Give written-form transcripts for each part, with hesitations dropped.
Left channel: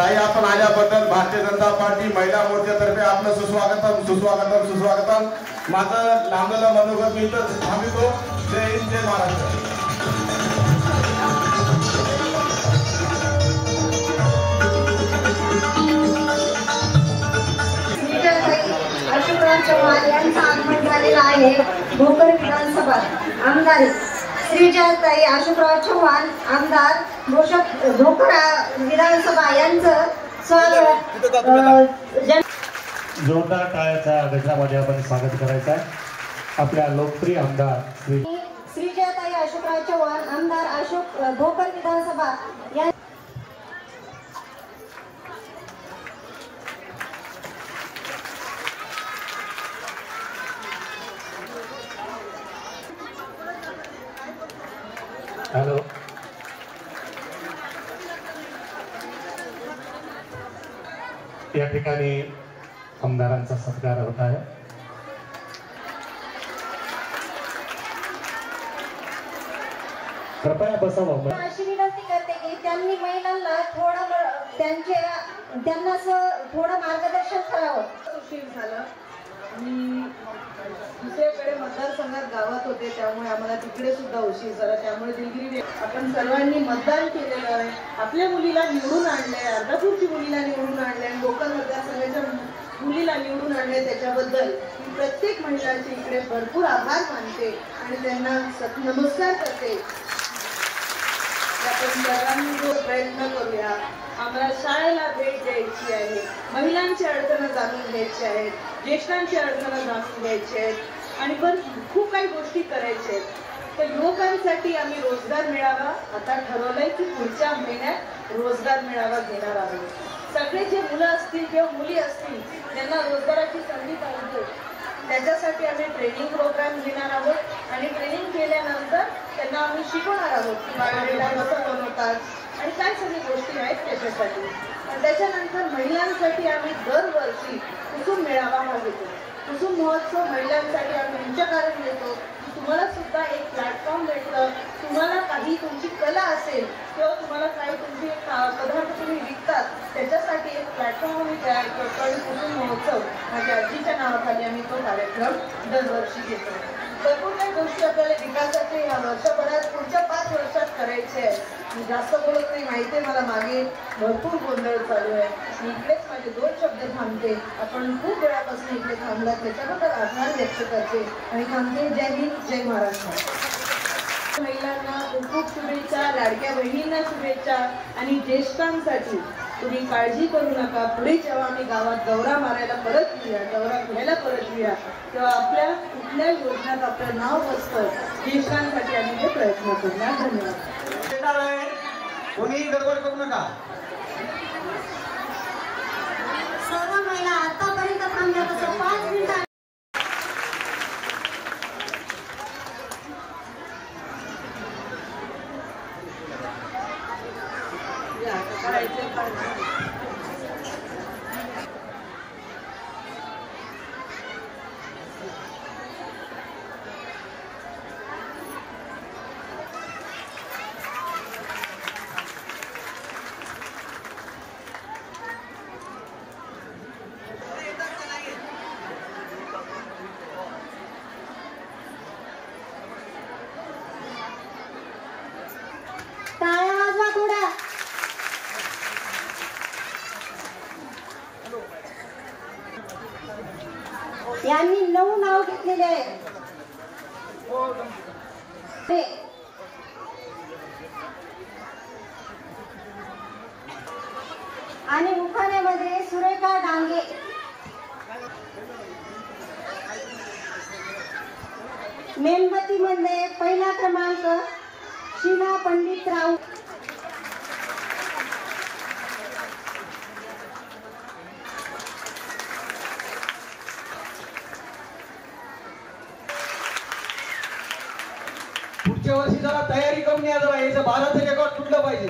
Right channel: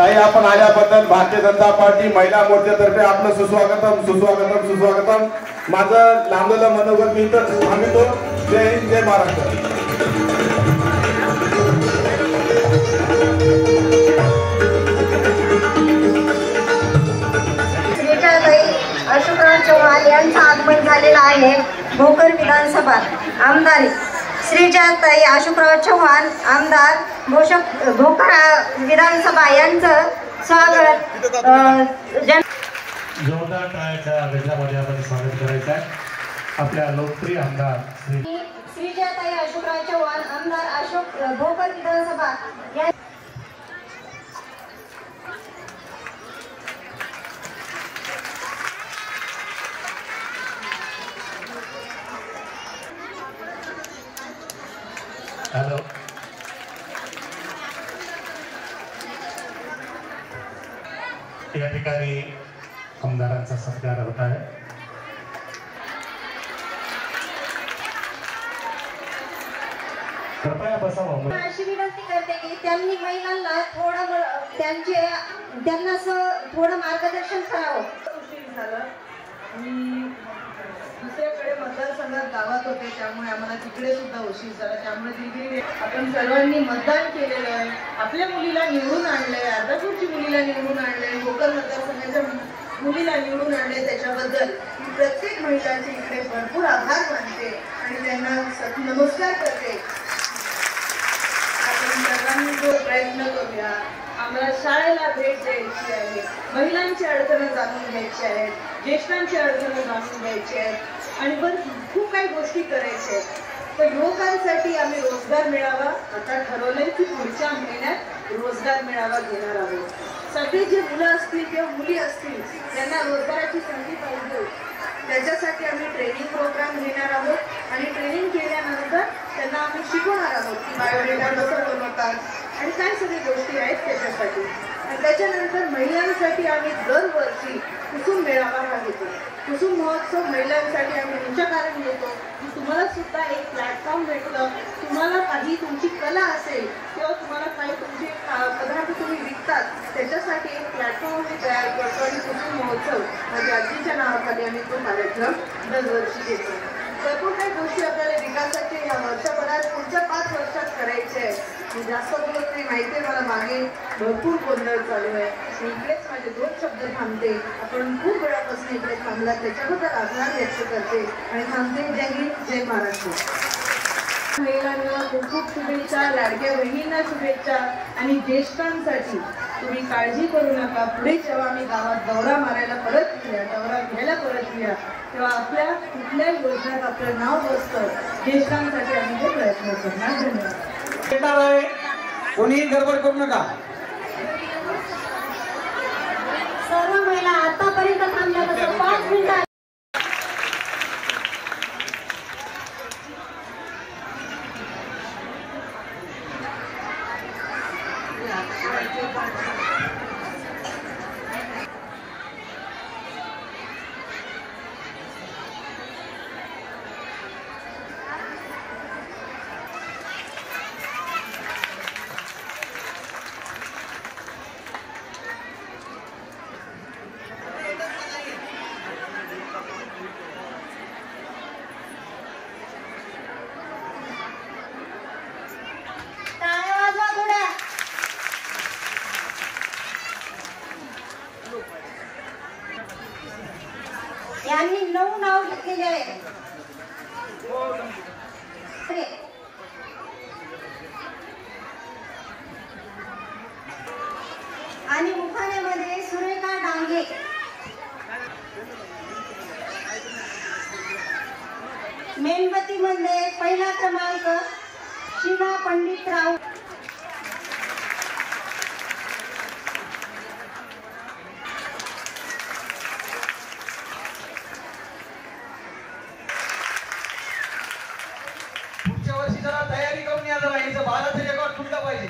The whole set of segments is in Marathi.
ताई आपण आल्याबद्दल भारतीय जनता पार्टी महिला मोर्चातर्फे आपलं सुस्वागतम सुस्वागतम सुस्वागतम. माझं लांबलेलं मनोगत मी तर थांबतो. जय हिंद जय महाराष्ट्र. अशोकराव चव्हाण यांचं आगमन झालेलं आहे. भोकर विधानसभा आमदार श्रीजाताई अशोकराव चव्हाण आमदार भोकर विधानसभा यांचं स्वागत जोरदार टाळ्याच्या गजरामध्ये आपण स्वागत करायचं आहे. आपल्या लोकप्रिय आमदार श्रीजाताई अशोकराव चव्हाण आमदार भोकर विधानसभा हॅलो. या ठिकाणी आमदारांचा सत्कार होत आहे. कृपया बसावं. अशी विनंती करते की त्यांनी महिलांना त्यांना थोडं मार्गदर्शन करावं. उशीर झाला. मी दुसऱ्याकडे मतदारसंघात गावात होते, त्यामुळे आम्हाला तिकडे सुद्धा उशीर झाला. त्यामुळे दिलगिरी आपण सर्वांनी मतदान केलेलं आहे. आपल्या मुलीला निवडून आणलंय, अर्धापूरची मुलीला निवडून आणलंय, भोकर मतदारसंघाच्या मुलीला निवडून आणले. त्याच्याबद्दल मी प्रत्येक महिलांचे इकडे भरपूर आभार मानते आणि त्यांना नमस्कार करते. आपण सर्वांनी जो प्रयत्न करूया. आम्हाला शाळेला भेट द्यायची आहे, महिलांची अडचणं जाणून घ्यायची आहेत, ज्येष्ठांची अडचणं जाणून घ्यायची आहेत आणि पण खूप काही गोष्टी करायच्या आहेत. तर युवकांसाठी आम्ही रोजगार मेळावा आता ठरवलंय की पुढच्या महिन्यात रोजगार मेळावा घेणार आहोत. सगळे जे मुलं असतील किंवा मुली असतील त्यांना रोजगाराची संधी पाहिजे, त्याच्यासाठी आम्ही ट्रेनिंग प्रोग्राम घेणार आहोत आणि ट्रेनिंग केल्यानंतर त्यांना आम्ही शिकवणार आहोत की बायोडेटा कसं बनवतात आणि काय सगळी गोष्टी आहेत त्याच्यासाठी. आणि त्याच्यानंतर महिलांसाठी आम्ही दरवर्षी कुसुम मेळावा हा घेतो. कुसुम महोत्सव महिलांसाठी आम्ही तुमच्याकडे घेतो की तुम्हाला सुद्धा एक प्लॅटफॉर्म भेटलं. तुम्हाला काही तुमची कला असेल किंवा तुम्हाला काही तुमचे पदार्थ तुम्ही विकतात त्याच्यासाठी एक प्लॅटफॉर्म आम्ही तयार करतो आणि कुसुम महोत्सव माझ्या आजीच्या नावाखाली आम्ही तो कार्यक्रम दरवर्षी घेतो. भरपूर काही गोष्टी आपल्याला विकासाचे या वर्षभरात पुढच्या 5 वर्षात करायचे आहे. मी जास्त बोलत नाही, माहिती आहे मला मागे भरपूर गोंधळ चालू आहे. मी इकडेच माझे 2 शब्द थांबते. आपण खूप वेळापासून इकडे थांबला त्याच्याबद्दल आभार व्यक्त करते आणि थांबते. जय हिंद जय महाराष्ट्र. महिलांना खूप शुभेच्छा, लाडक्या बहिणींना शुभेच्छा आणि ज्येष्ठांसाठी तुम्ही काळजी करू नका. पुढे जेव्हा आम्ही गावात दौरा मारायला परत येऊया, दौरा घ्यायला परत येऊया तेव्हा आपल्या कुठल्याही योजनेत आपलं नाव बसतं. ज्येष्ठांसाठी आम्ही हे प्रयत्न करणार. धन्यवाद. कोणी गडबड करू नका. सर्व महिला आतापर्यंत थांबल्या तसं 5 मिनिटं यांनी 9 नाव घेतलेले आहे. आणि मुखाण्यामध्ये सुरेखा डांगे, मेणबत्तीमध्ये पहिला क्रमांक शिला पंडितराव, पुढच्या वर्षी जरा तयारी करून या. जरा याचं 12चं रेकॉर्ड तुटलं पाहिजे.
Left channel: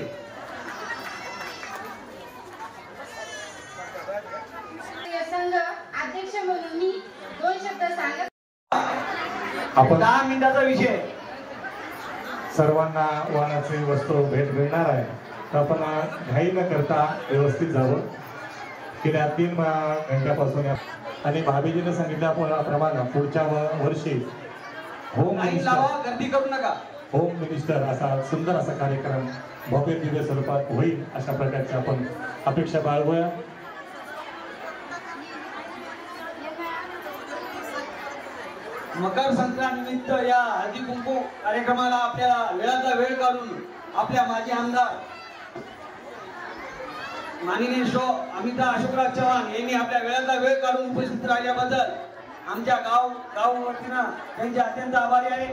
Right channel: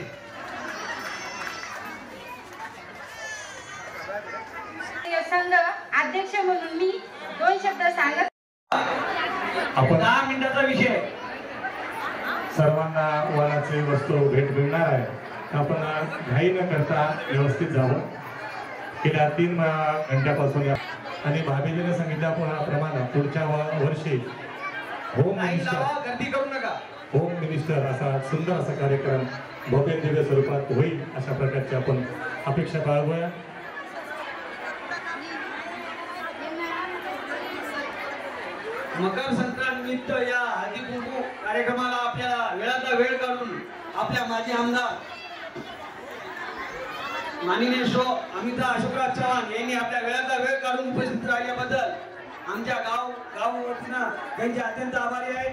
संघ अध्यक्ष म्हणून मी 2 शब्द सांगत. आपण 10 मिनिटाचा विषय. सर्वांना वाहनाची वस्तू भेट मिळणार आहे. आपण घाई न करता व्यवस्थित जावं. गेल्या 3 घंट्यापासून आणि भाभीजीने सांगितल्याप्रमाणे पुढच्या वर्षी होम मिनिस्टर गर्दी करू नका. होम मिनिस्टर असा सुंदर असा कार्यक्रम भव्य दिव्य स्वरूपात होईल अशा प्रकारची आपण अपेक्षा बाळगूया. मकर संक्रांत निमित्त या हळदी कुंकू कार्यक्रमाला आपल्या वेळाचा वेळ काढून आपल्या माजी आमदार माननीय श्री अमिता अशोकराव चव्हाण यांनी आपल्या वेळाचा वेळ काढून उपस्थित राहिल्याबद्दल आमच्या गाव वतीनं त्यांचे अत्यंत आभारी आहे.